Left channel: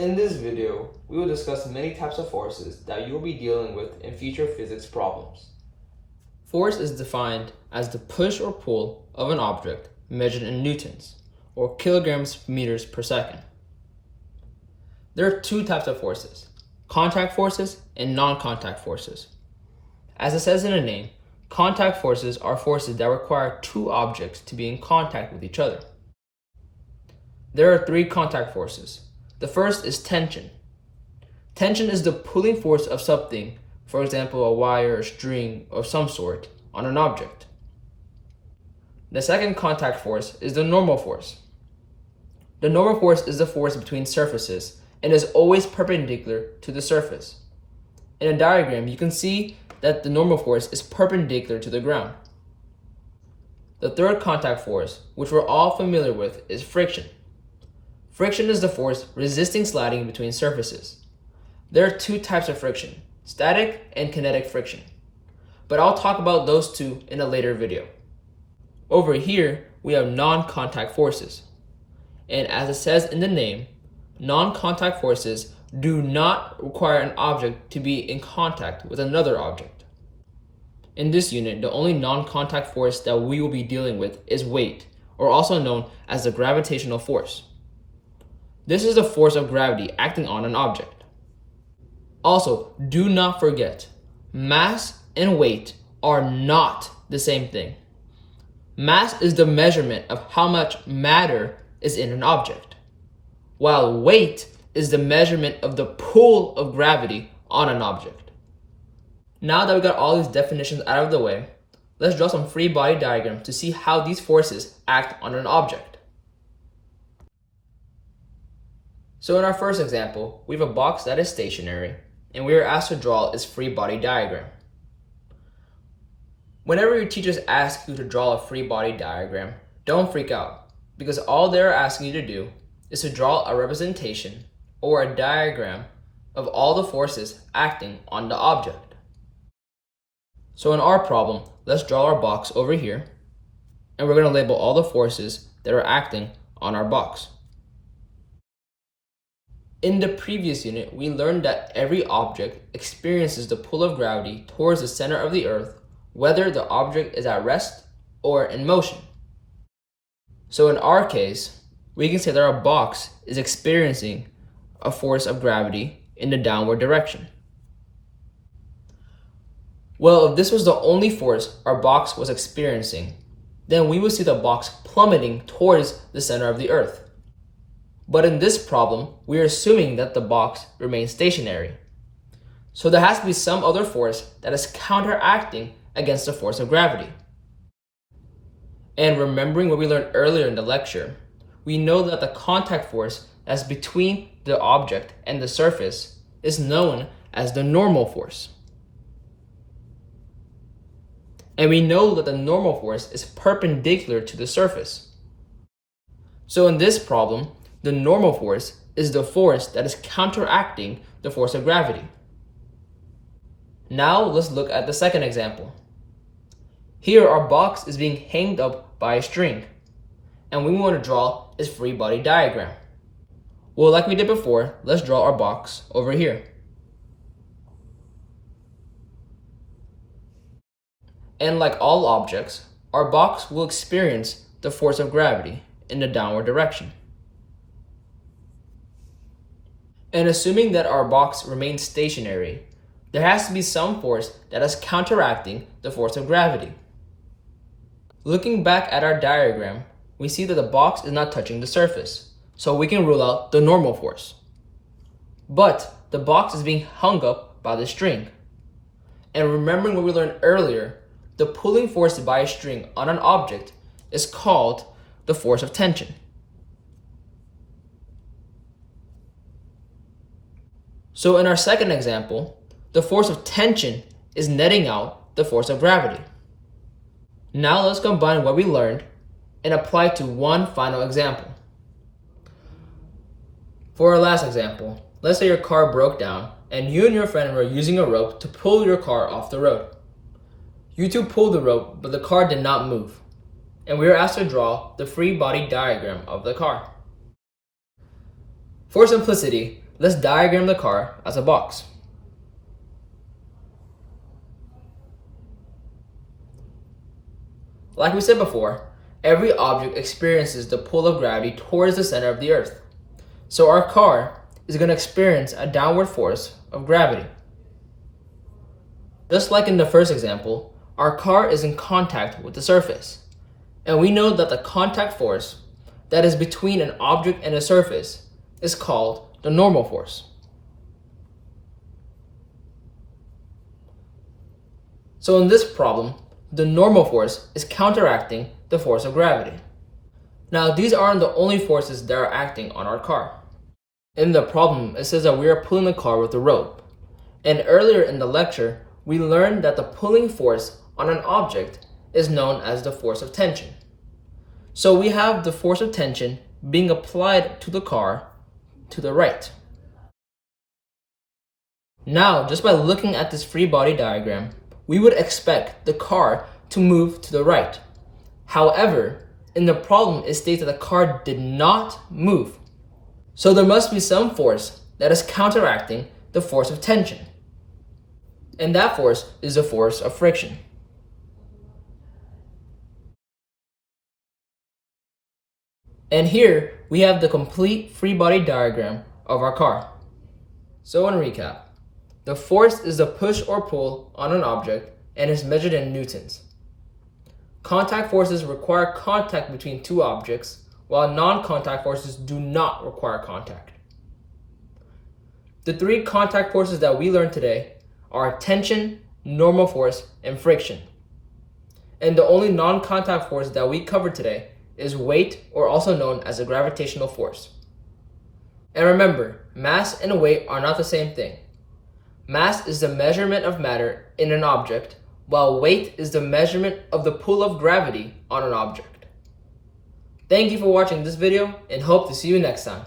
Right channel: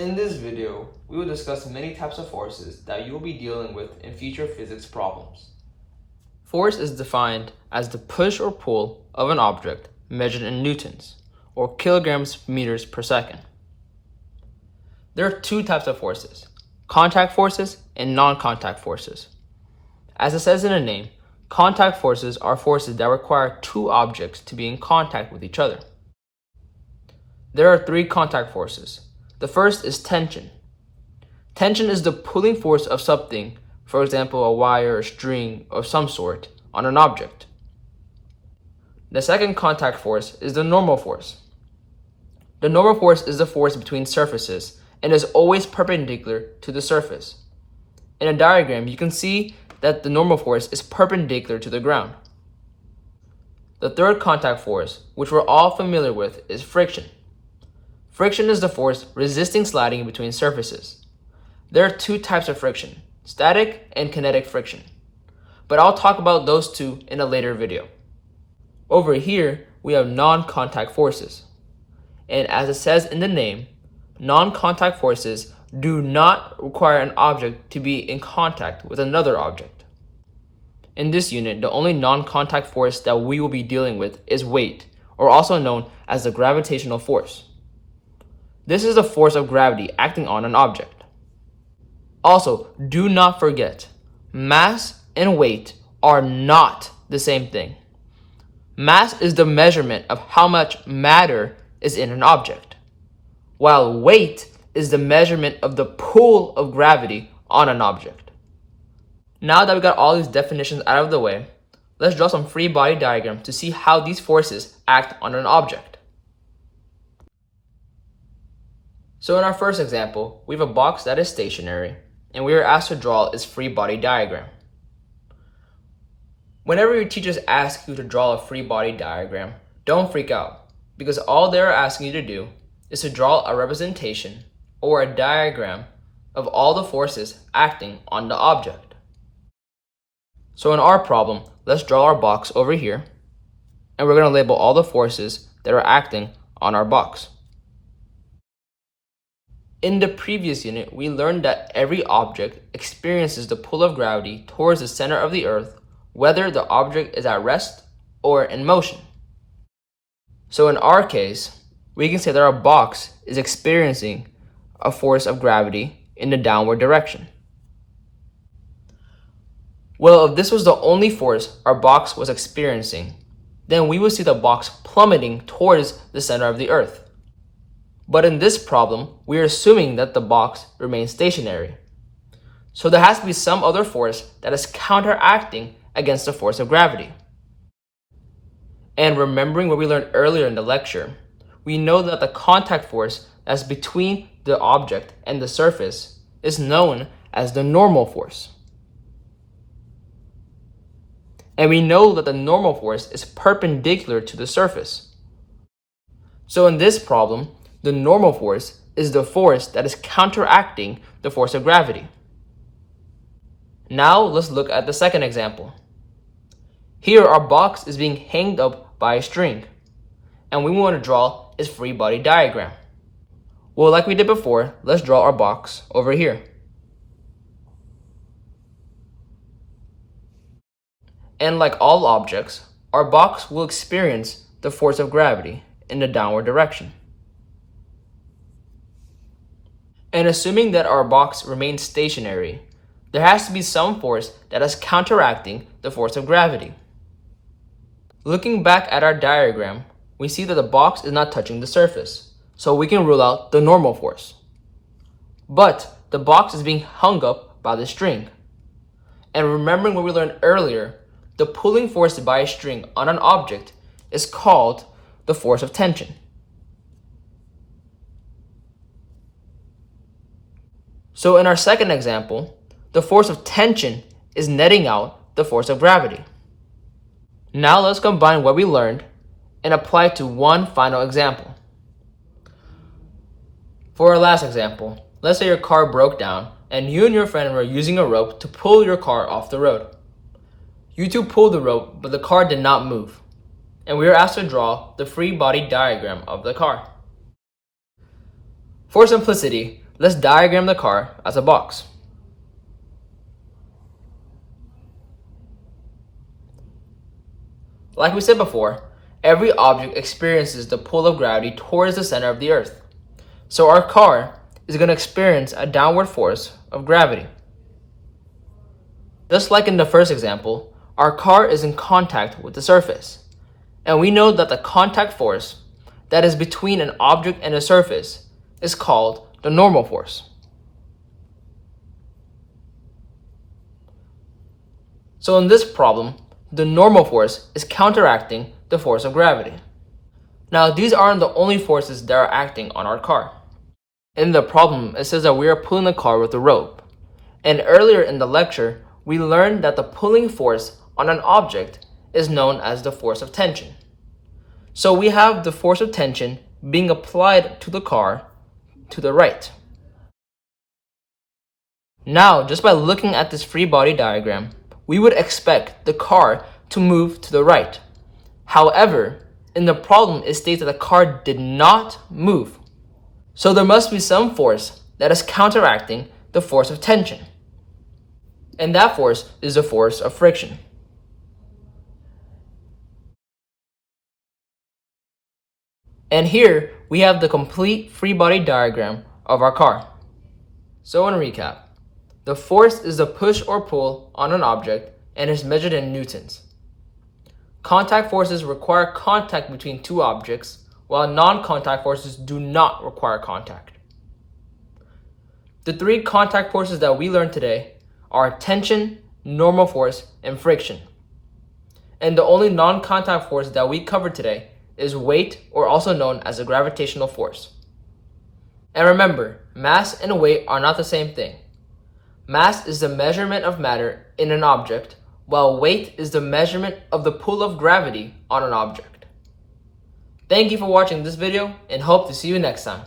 In this video, we will discuss many types of forces that you will be dealing with in future physics problems. Force is defined as the push or pull of an object measured in newtons, or kilograms meters per second. There are two types of forces, contact forces and non-contact forces. As it says in the name, contact forces are forces that require two objects to be in contact with each other. There are three contact forces. The first is tension. Tension is the pulling force of something, for example, a wire, a string of some sort, on an object. The second contact force is the normal force. The normal force is the force between surfaces and is always perpendicular to the surface. In a diagram, you can see that the normal force is perpendicular to the ground. The third contact force, which we're all familiar with, is friction. Friction is the force resisting sliding between surfaces. There are two types of friction, static and kinetic friction, but I'll talk about those two in a later video. Over here, we have non-contact forces. And as it says in the name, non-contact forces do not require an object to be in contact with another object. In this unit, the only non-contact force that we will be dealing with is weight, or also known as the gravitational force. This is the force of gravity acting on an object. Also, do not forget, mass and weight are not the same thing. Mass is the measurement of how much matter is in an object, while weight is the measurement of the pull of gravity on an object. Now that we got all these definitions out of the way, let's draw some free body diagrams to see how these forces act on an object. So in our first example, we have a box that is stationary, and we are asked to draw its free body diagram. Whenever your teachers ask you to draw a free body diagram, don't freak out, because all they're asking you to do is to draw a representation or a diagram of all the forces acting on the object. So in our problem, let's draw our box over here, and we're going to label all the forces that are acting on our box. In the previous unit, we learned that every object experiences the pull of gravity towards the center of the earth, whether the object is at rest or in motion. So in our case, we can say that our box is experiencing a force of gravity in the downward direction. Well, if this was the only force our box was experiencing, then we would see the box plummeting towards the center of the earth. But in this problem, we are assuming that the box remains stationary. So there has to be some other force that is counteracting against the force of gravity. And remembering what we learned earlier in the lecture, we know that the contact force that's between the object and the surface is known as the normal force. And we know that the normal force is perpendicular to the surface. So in this problem, the normal force is the force that is counteracting the force of gravity. Now let's look at the second example. Here our box is being hanged up by a string, and we want to draw its free body diagram. Well, like we did before, let's draw our box over here. And like all objects, our box will experience the force of gravity in the downward direction. And assuming that our box remains stationary, there has to be some force that is counteracting the force of gravity. Looking back at our diagram, we see that the box is not touching the surface, so we can rule out the normal force. But the box is being hung up by the string. And remembering what we learned earlier, the pulling force by a string on an object is called the force of tension. So in our second example, the force of tension is netting out the force of gravity. Now let's combine what we learned and apply it to one final example. For our last example, let's say your car broke down and you and your friend were using a rope to pull your car off the road. You two pulled the rope, but the car did not move, and we were asked to draw the free body diagram of the car. For simplicity, Let's diagram the car as a box. Like we said before, every object experiences the pull of gravity towards the center of the earth. So our car is going to experience a downward force of gravity. Just like in the first example, our car is in contact with the surface. And we know that the contact force that is between an object and a surface is called the normal force. So in this problem, the normal force is counteracting the force of gravity. Now, these aren't the only forces that are acting on our car. In the problem, it says that we are pulling the car with a rope. And earlier in the lecture, we learned that the pulling force on an object is known as the force of tension. So we have the force of tension being applied to the car to the right. Now, just by looking at this free body diagram, we would expect the car to move to the right. However, in the problem, it states that the car did not move. So there must be some force that is counteracting the force of tension. And that force is the force of friction. And here we have the complete free body diagram of our car. So in recap, the force is the push or pull on an object and is measured in newtons. Contact forces require contact between two objects, while non-contact forces do not require contact. The three contact forces that we learned today are tension, normal force, and friction. And the only non-contact force that we covered today is weight, or also known as a gravitational force. And remember, mass and weight are not the same thing. Mass is the measurement of matter in an object, while weight is the measurement of the pull of gravity on an object. Thank you for watching this video and hope to see you next time.